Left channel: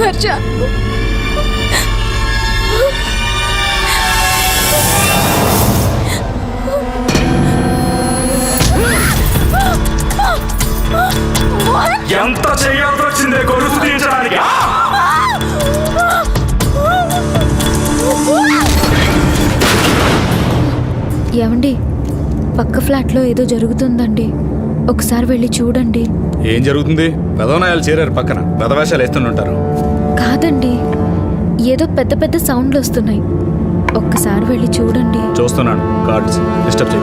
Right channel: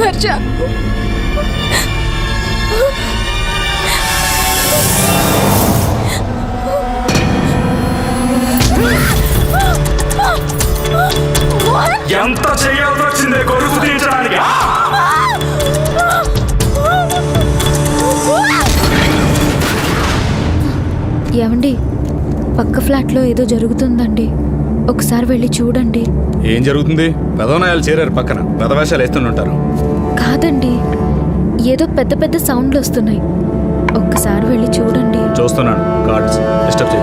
హర్ష, ఎంత చేయాల్సి వచ్చిందే గొలుసు తీయించడానికి? ఏమండి, పక్క ఫ్లాట్లో ఏదో జరుగుతుందండి, ఒకసారి వెళ్ళి చూడండి. ఏం జరుగుతుంది? పెదవనాయాలు చేరారు పక్కన, పెదవేషాలు వేస్తుంటారు. కాదండి, ఏదో పెద్ద పెద్ద సౌండ్లు వస్తున్నాయి, ఒక్కసారి వెళ్ళి చూడండి. చూస్తున్నాను, కార్డ్స్ డిస్టర్బ్ చేయ.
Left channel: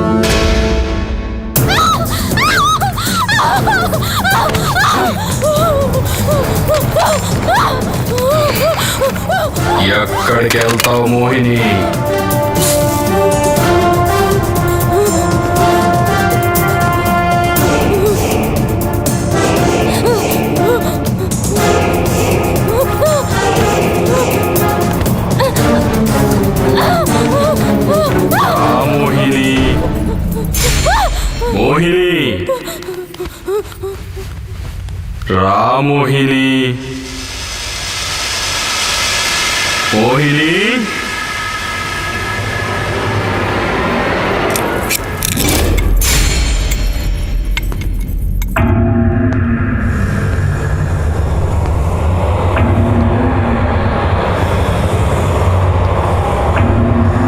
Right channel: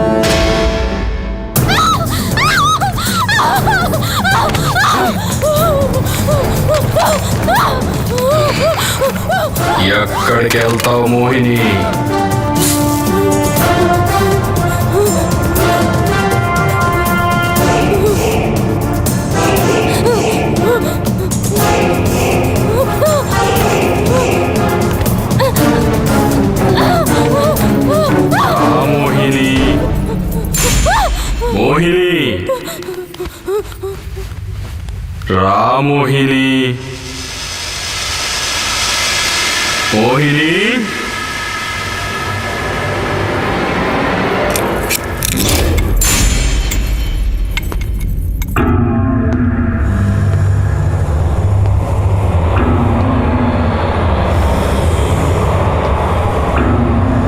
ఎక్కడికి వెళ్తావు మోహిని? మోహిని, మోహిని, రా మోహిని, మోహిని.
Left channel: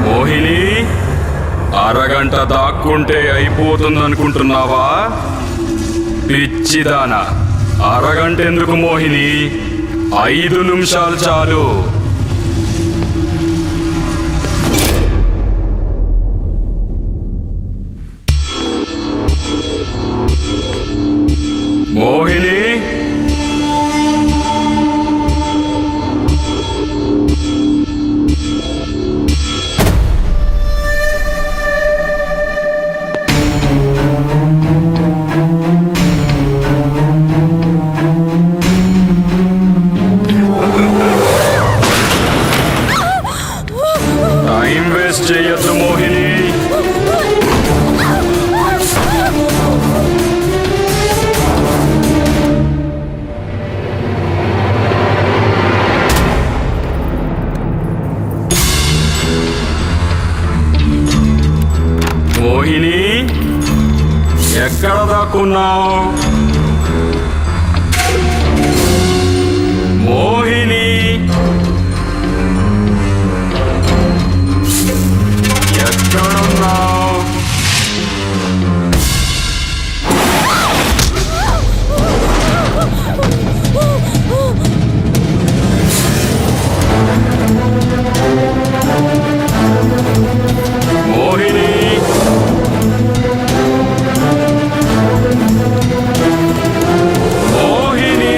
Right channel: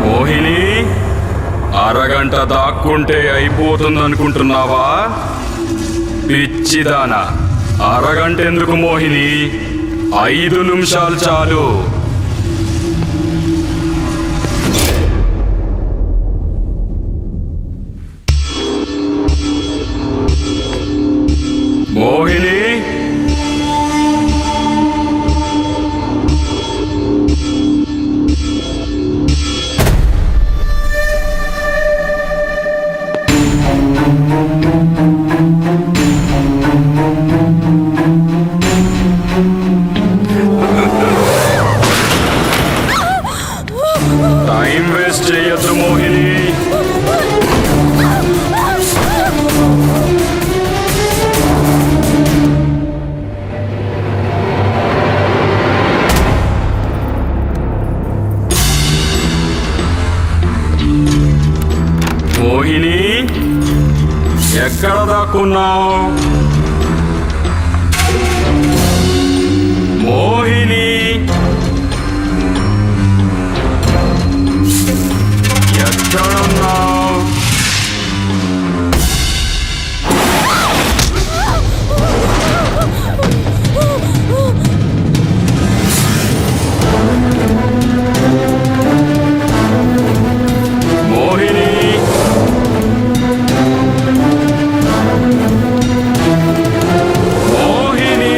మోహిని, అరగంట దాక్కుంటే అయిపోతుందనుకుంటున్నావా? పిచ్చిదానా, అరగంట ఎందుకు మోహిని, 5 నిమిషాలు చాలు. మోహిని, టైం వేస్ట్ చేయొద్దు మోహిని. మోహిని, ఎక్కడ దాక్కున్నావు? మోహిని, ఎక్కడున్నావు? మోహిని, మోహిని,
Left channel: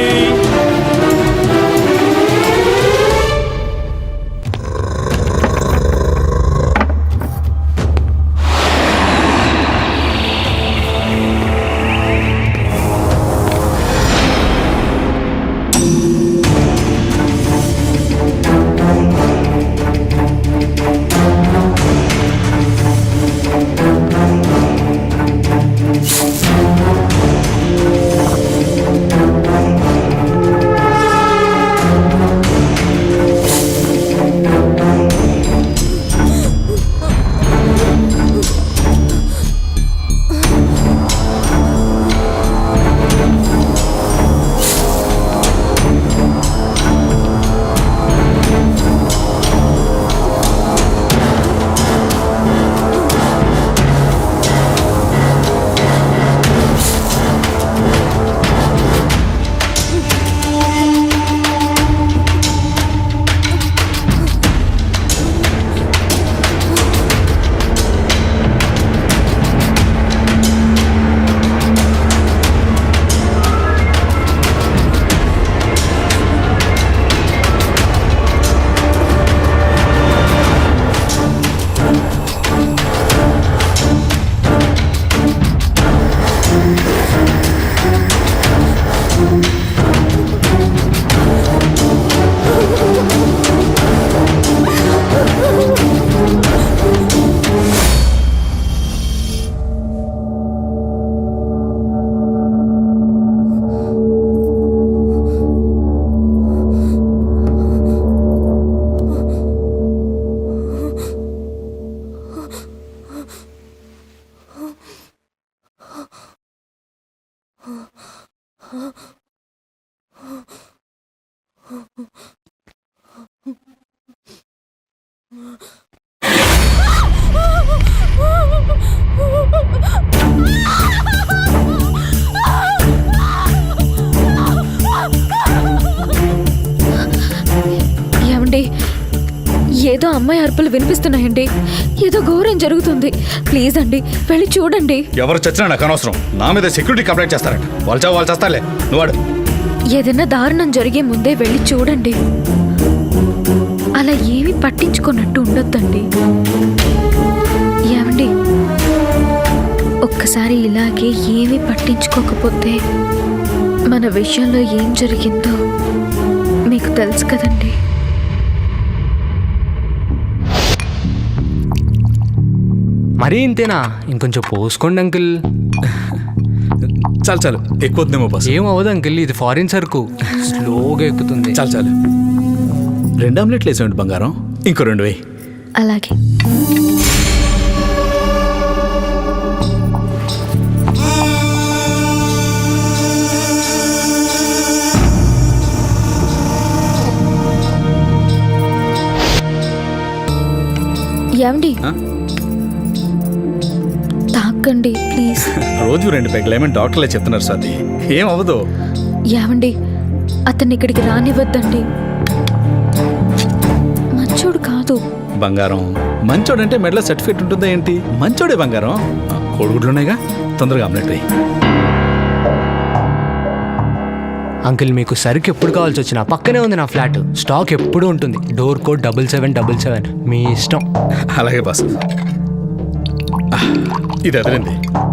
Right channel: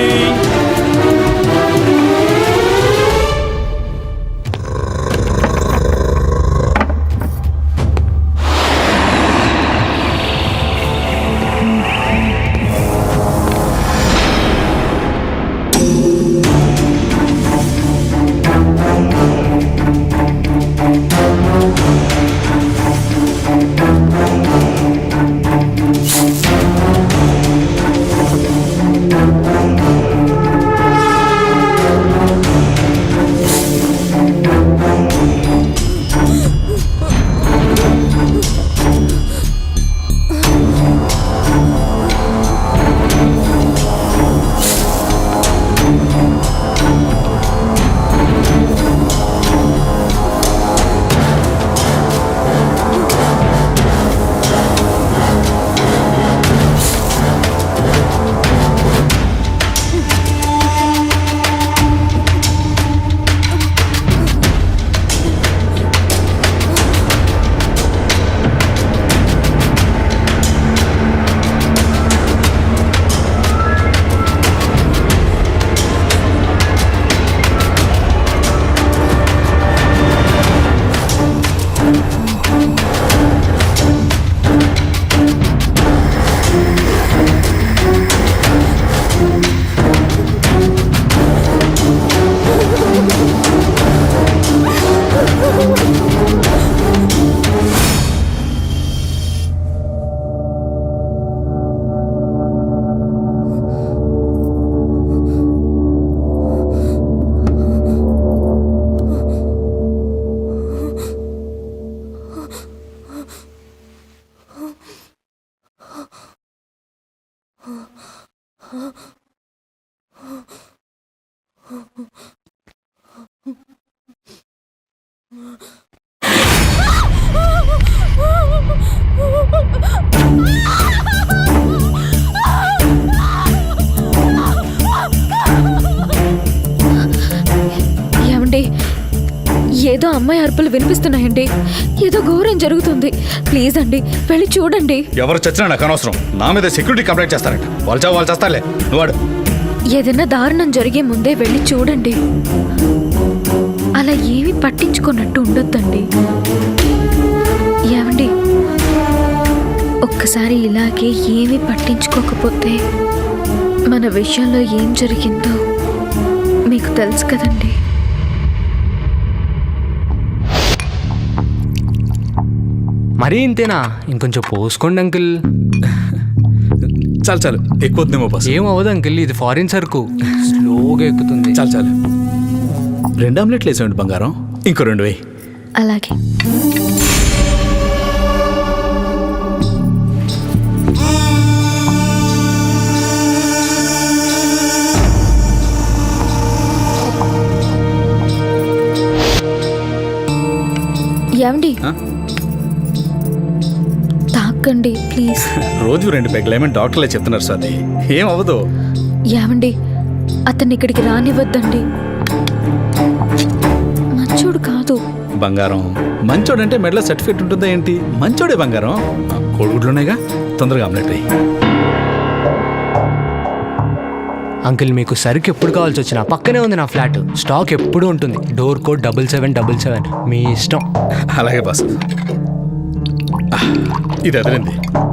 ఏమండి, ఏదో అమ్మాయి అరుపులు వినిపిస్తున్నాయండి. ఏదో ఘోరం జరుగుతుంది. ప్లీజ్ అండి, వెళ్ళి చూడండి. ఎవరు చచ్చినా నాకు అనవసరం. నా మీద సెక్యూరిటీ కంప్లైంట్ చేస్తారట. వాళ్ళు చేస్తారులే, నువ్వు వాడు. ఏదైనా దారుణం జరిగే ముందే వెళ్ళి చూడండి. అలా ఏమీ పట్టించుకున్నట్టు ఉండొద్దండి. ఏమండి, ఒక్కసారి ఇలాగే ఏమీ పట్టించుకోకపోతే మన విషయంలో ఏం జరిగిందో మీకు తెలుసు కదండి. మరీ ఇంతేనా? ఇంకొంచెం పోసుకోండి అంకుల్. చాలు ఎక్కువద్దేమో బస్. ఏం అవ్వదు అంకుల్, ఇది ఫారిన్ సరుకు, స్లోగా ఎక్కుతుంది. చాలు 2 ఆమ్లెట్లు వేసేయండి బంగారం. ఇంకో 2 వేయి. అలాగే. ఏమండి, తాకండి ప్లీజ్. రోజు 2 పెగ్లేమని డాక్టర్లే చెప్తున్నారు సార్. ఏం అవ్వదు. ఏమండి, అతన్ని ఇక్కడికి రానివ్వద్దండి. మంచోడు కాదు. బంగారం మంచోడంటే మెడలో సర్టిఫికేట్ ఉంటుందా ఏంటి? మంచోడే బంగారం. కోడిగుడ్లున్నాయిగా, తొందరగా ఆమ్లెట్ వేయి. అంకుల్, మీకు సరుకు ఎప్పుడు కావాల్సి వచ్చినా పక్కనే ఉంది నా ఫ్లాట్. స్టాక్ ఎప్పుడూ ఉంటుంది. Door code 7777. మీ ఇష్టం. అలాగే బాస్. ఇది అదిరింది.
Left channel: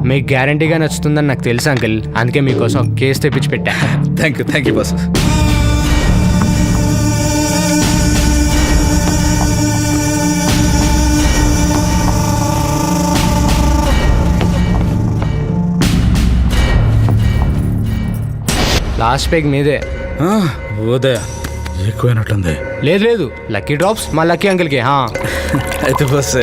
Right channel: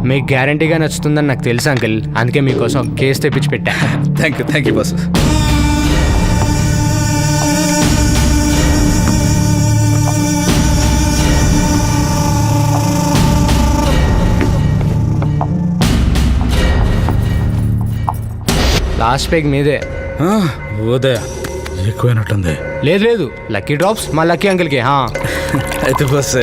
మీకు గ్యారంటీగా నచ్చుతుందని నాకు తెలుసు అంకుల్. అందుకే మీకోసం ఒక కేసు తెప్పించి పెట్టా. Thank you boss. లాస్ట్ పేగ్ మీదే. ఓదే ఎక్కువైనట్టుంది. లేదు, లక్కీ డ్రాప్స్ మా లక్కీ అంకుల్కి. అయితే బస్.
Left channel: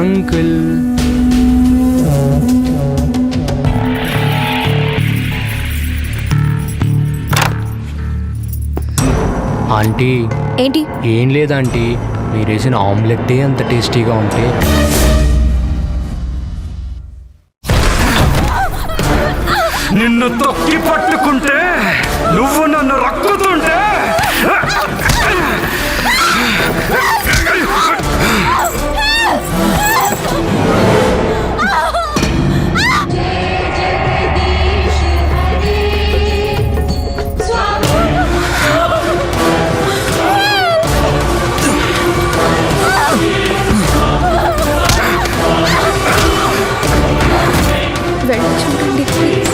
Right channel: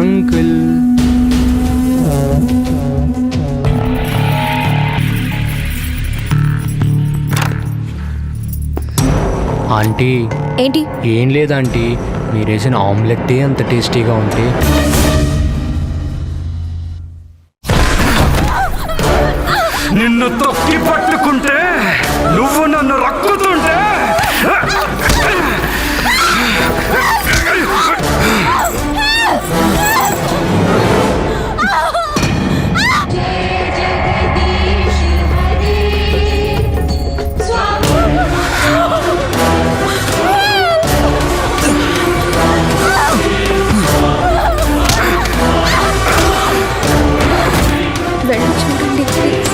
Uncle aunty. ఏంటి? ఏం లేదు ఆంటీ, మీరు వేసిన ఆమ్లెట్టే అంత టేస్టీగా ఉంటే నిన్ను తొక్కి పట్టుకుంటే, నువ్వు నన్ను రక్కుతుంటే, వెళ్ళి చూడండి ప్లీజ్.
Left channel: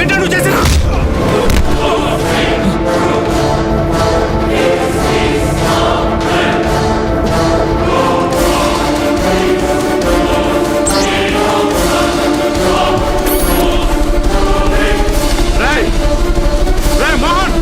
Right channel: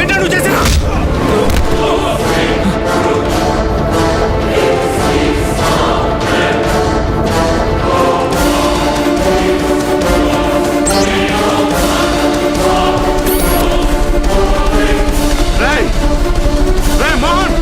ఏంటో నువ్వు చేసిన? మోహన్,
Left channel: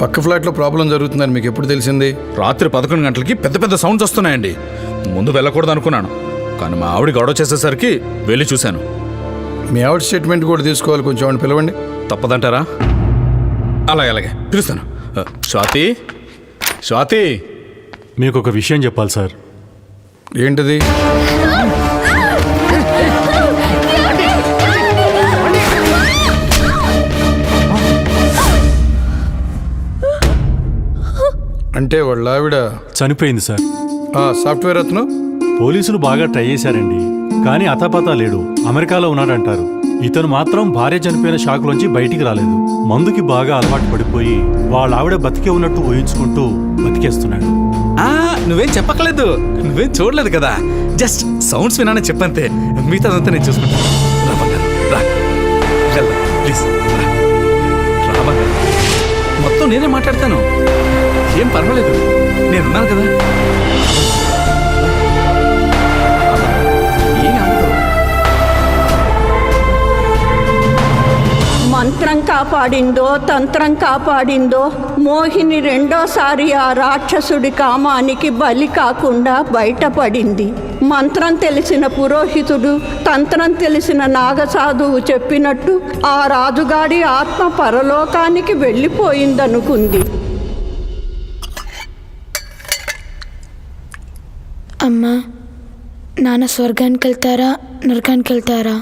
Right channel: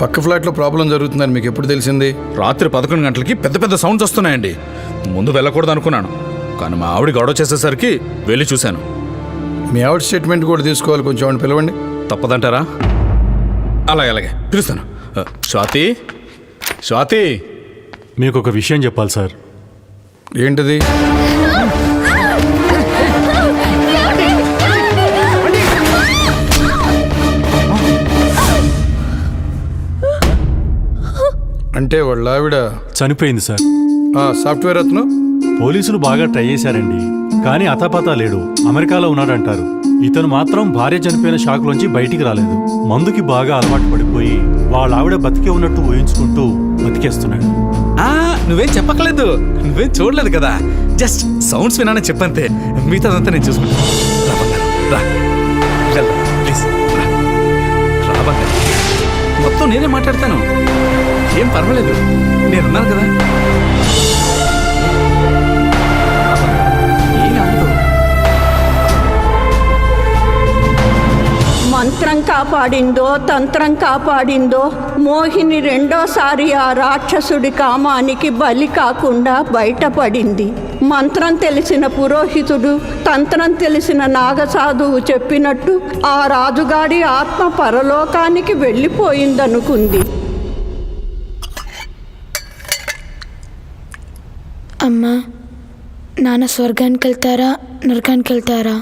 పక్క ఫ్లాట్లో ప్రాబ్లం జరుగుతుందని మీకు ఎప్పుడు తెలిసింది? రాత్రి 11 గంటలకి పెద్ద పెద్ద సౌండ్స్ వస్తున్నాయండి. ముందు వెళ్ళకూడదు అనుకున్నాను, కానీ మా ఆవిడ గొడవ చేసేసరికి వెళ్ళి చూశాను. మీ ఆవిడ స్టేట్మెంట్ కూడా తీసుకోవాలి, కొంచెం ఆవిడ పిలవండి. తప్పదంటారా? అలాగే అలాగే పిలుస్తాను. స్వాతి, స్వాతి, మీకు ఒక విషయం చెప్పాలి సార్. ఏంటిది? అంటే వాళ్ళ ఆవిడ చనిపోయింది సార్. సాఫ్ట్వేర్ అతను పోలీసులు బాగా ట్రై చేశారండి, కానీ అతాపతా లేడు. అమెరికాలో ఉన్నాడంటారు. ఇతను మాత్రం భార్య చనిపోయిన షాక్లోంచి బయటికి రాలేదు. మందుకి బాగా అలవాటు పడిపోయి వాళ్ళ ఆవిడ బతికే ఉన్నట్టు ఊహించుకుంటూ బతికేస్తున్నాడు. నువ్వేం చెప్పక్కలేదు, నువ్వేం చూడలేదు కదా, జస్ట్ సౌండ్స్ వినానని చెప్పంతే. మిగతాదంతా నేను చూసుకుంటా. రా బంగారం, రా, వెళ్దాం ప్లీజ్, రా, రా బంగారం. మొత్తం నేనే మాట్లాడతాను, ఏం పర్వాలేదు, నేనున్నాను కదా. ఏమి అవ్వదు. మంత్రం కాపాడిందో తంత్రం కాపాడిందో మోహిని రెండోసారి ఆ రాక్షసుడి కామానికి బలి కాకుండా బయటపడింది. మంత్రం తెలిసిన పురోహితుడు, తంత్రం తెలిసిన నాగసాధువు చెప్పినట్టు ఆ రాజుగాడి ఆత్మ పరలోకానికి వెళ్ళిపోయిందనుకుంది. అమ్మా, నాన్న స్వర్గానికి వెళ్తారా నరకానికి వెళ్తారా?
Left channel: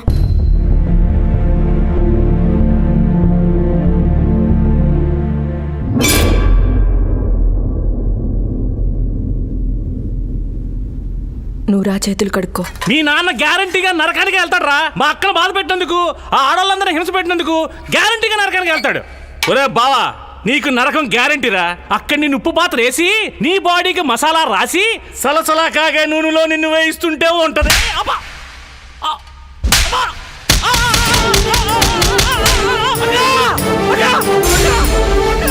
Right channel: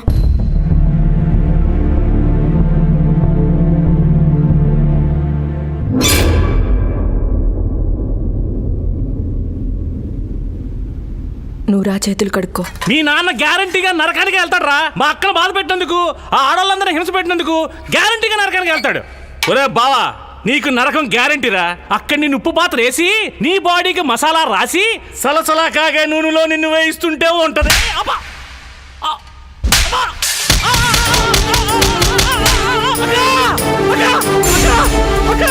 నువ్వు రా, చేతులు కడుక్కో. మీ నాన్న గ్యారంటీగా నరకానికి వెళ్తాడు రా. మా అక్కను బాధ పెట్టినందుకు, ఆ ఆడవాళ్ళందరూ హింస పెట్టినందుకు గ్యారంటీగా నరకానికి వెళ్తాడు. ఒరే బావా, నీకు నరకం గ్యారంటీరా. అక్కడి నిన్ను ఉప్పు పాత్ర వేసి నీ బాడీకి మసాలా రాసి సలసలా కాగే నూనెలో నిన్ను వేయిస్తుంటే ఉంటది. అబ్బా! అబ్బా! అక్కా! అక్కా! అక్కా! అక్కా!